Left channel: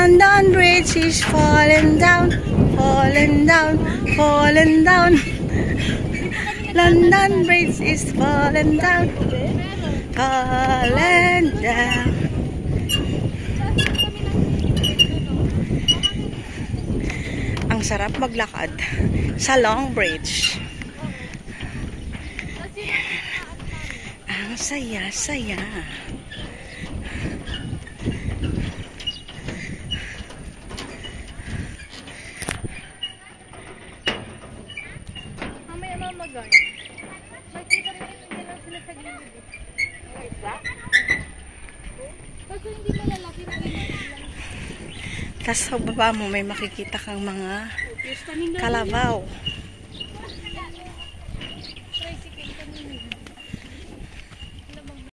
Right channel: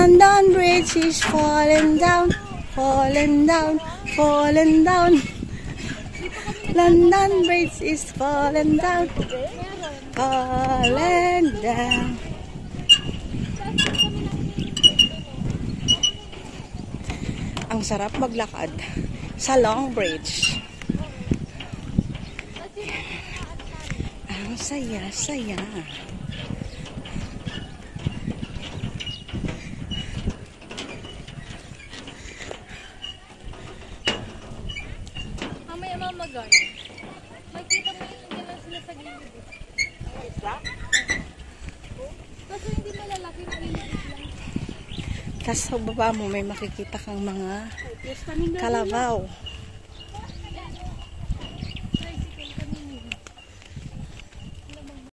London Bridge is falling down, falling down, falling down. London Bridge is falling down, falling down. Ang sarap maglakad sa Long Bridge. Ang saya-saya. Mamaya mamagay. Makita mo yun, hindi lang sila sa gilid. Ang isda? Kasi hindi malalaki, maliliit lang. Tapos sa baba mo may makikita kang mga kalabaw.